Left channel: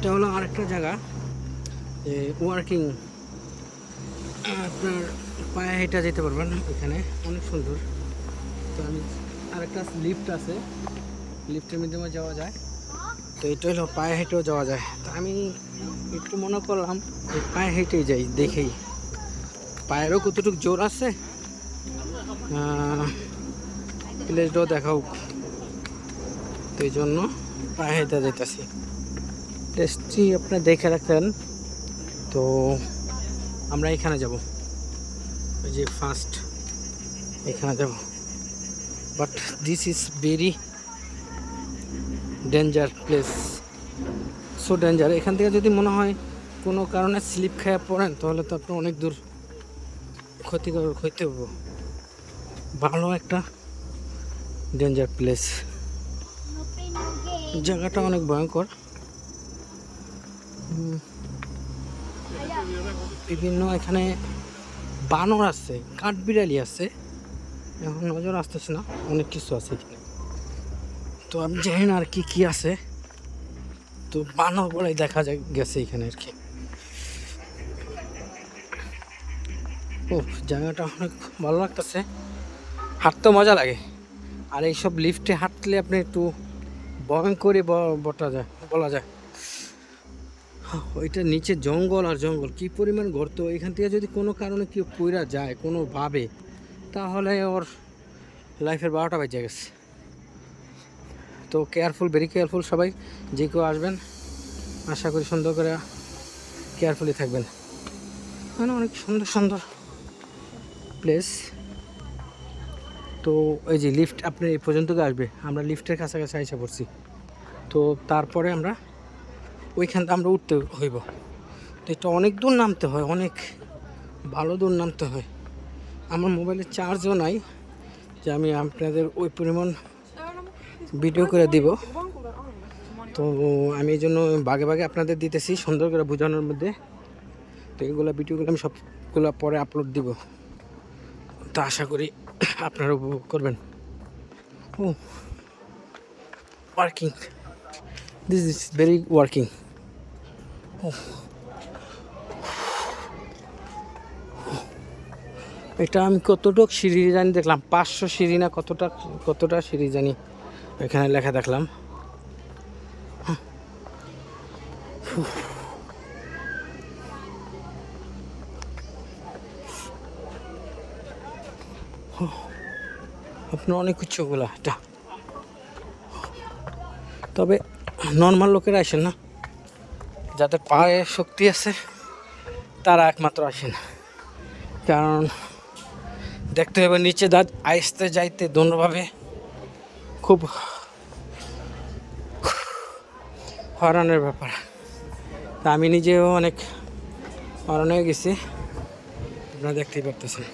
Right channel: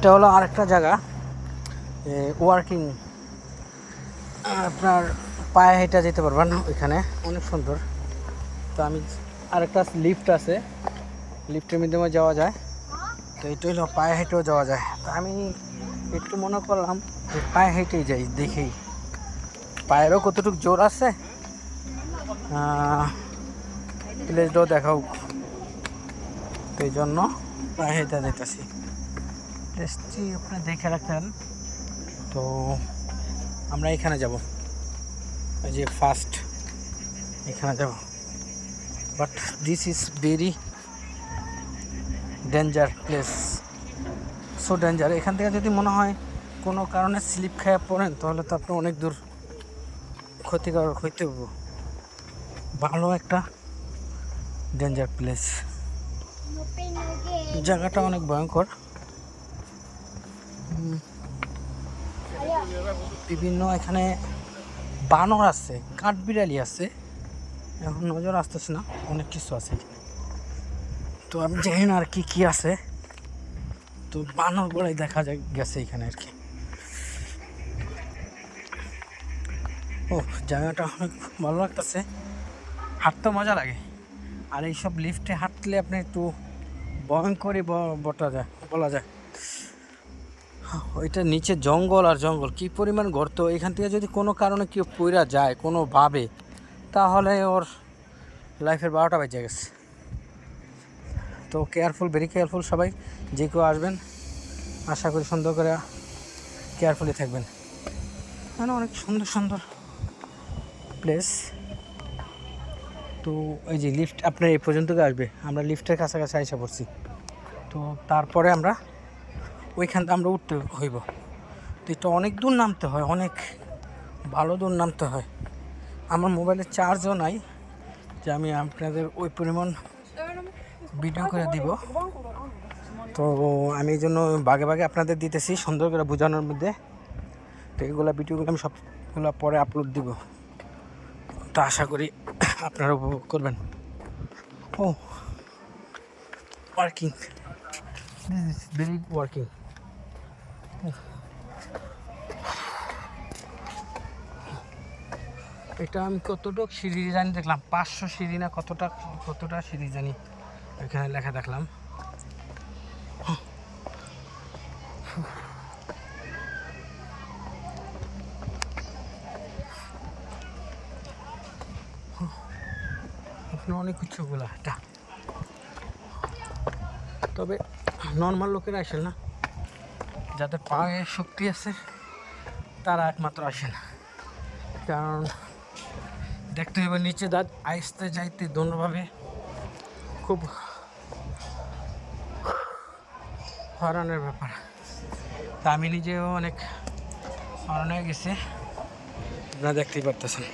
এটা হলো আরেকটা জায়গা ওয়ার্কিং, আপনার পায়ে হেঁটে যেতে পারবেন ওইখানে, অনেক সুন্দর। তো আমি আরেকটা লিফট আছে, লিফটের মাধ্যমে যাওয়া যায়। তো এটা হলো পায়ে হেঁটেও যাওয়া যায়। তো আমি একটু মনে করলাম যে পায়ে হেঁটেই যাই, দেখি পায়েরও কতটুকু জোর আছে, প্লেসটাও দেখাও। তো এই জন্য পায়ে হেঁটে যেতেছি। প্লেসটি আপনি দেখে রাখেন। তো আমরা এখানে যাব, এই যে ফার্স্ট এখানে যাব। But this is very danger place, so danger. এখান থেকে যদি মনে হয় কোনো কারণে স্লিপ খেয়ে পড়েন, তাহলে তো আপনার অনেক দূর ক্ষতিকারক হইতে হবে। ভালো একটা ডেঞ্জার প্লেস, জায়গাটা অনেক ভয়ঙ্কর। বিভিন্ন এখানে বানর আছে, কাঠবিড়ালি আছে, এখন নজর আসতেছে না, অনেক কিছু আছে এখানে। তো আমি জানি না আর কি কি আছে। তো বানর বড়াই দেখা গেছে এখানে আর কি। ও, জায়গাটা অনেক ভালো লাগতেছে, হাঁটতেও মজা লাগে। আর এইসব লিফটে হাঁটলে আপনি একটু ভয়ঙ্করই বলা যায়। ওইটা নিচে জঙ্গল আর জঙ্গল, কি পরিমাণ গর্ত। এখান থেকে যদি কোনো কারণে কেউ পইরা যায় কোনোভাবে, তাহলে ওর লাইফের 12টা বেজে গেছে। তো কেয়ারফুল, ভেরি কেয়ারফুল সবাই, যে কেউ আসবেন আশা করি সুন্দর করে কেয়ারফুলি থাকবেন। মানে অনেক সুন্দর সুন্দর প্লেস। তো এই যে লিফট আপনার এই পর্যন্ত আসবে, আমরা লিফটের কাছাকাছি এসে পড়ছি। তো তারপরে আমরা ওইখান থেকে আমরা উঠতে হইব। তো এটা অনেক দূর নামতে হয়, অনেক ভালো দূর নামতে হয়। আমার মোবাইলে চার্জও নাই যে আমি আপনাদের ওই পরিমাণ ভিডিও করে দিব। তো আমি এই জন্য ভাগে ভাগে আপনাদের দিতেছি, সুন্দর করে বোঝানোর মধ্যে। তো এগুলো ভিডিওগুলো আমি সবগুলো পরে আপলোড দিব। তো আশা করি আপনারা উপভোগ করবেন। ও, working, this is very working. এটা আমি কতটুকু সিঁড়ি জানি দেখলাম, 500 সিঁড়ি না কতটা সিঁড়ি জানি এখানে লেখা দেখলাম। আপনার অনেক উচ্চগুলা এটা, তবে নর্মাল লোকেরা আসেন না, যাদের পায়ে শক্তি আছে তারা একমাত্র আসেন। কারণ দেখতে হবে নিচে আইসতে যাইতে দোনোভাবে খুব হয়রানের ব্যাপার। তা আমি নিজেও অনেক হয়রান হয়ে গেছি, আপনারা দেখতেই পারতেছেন।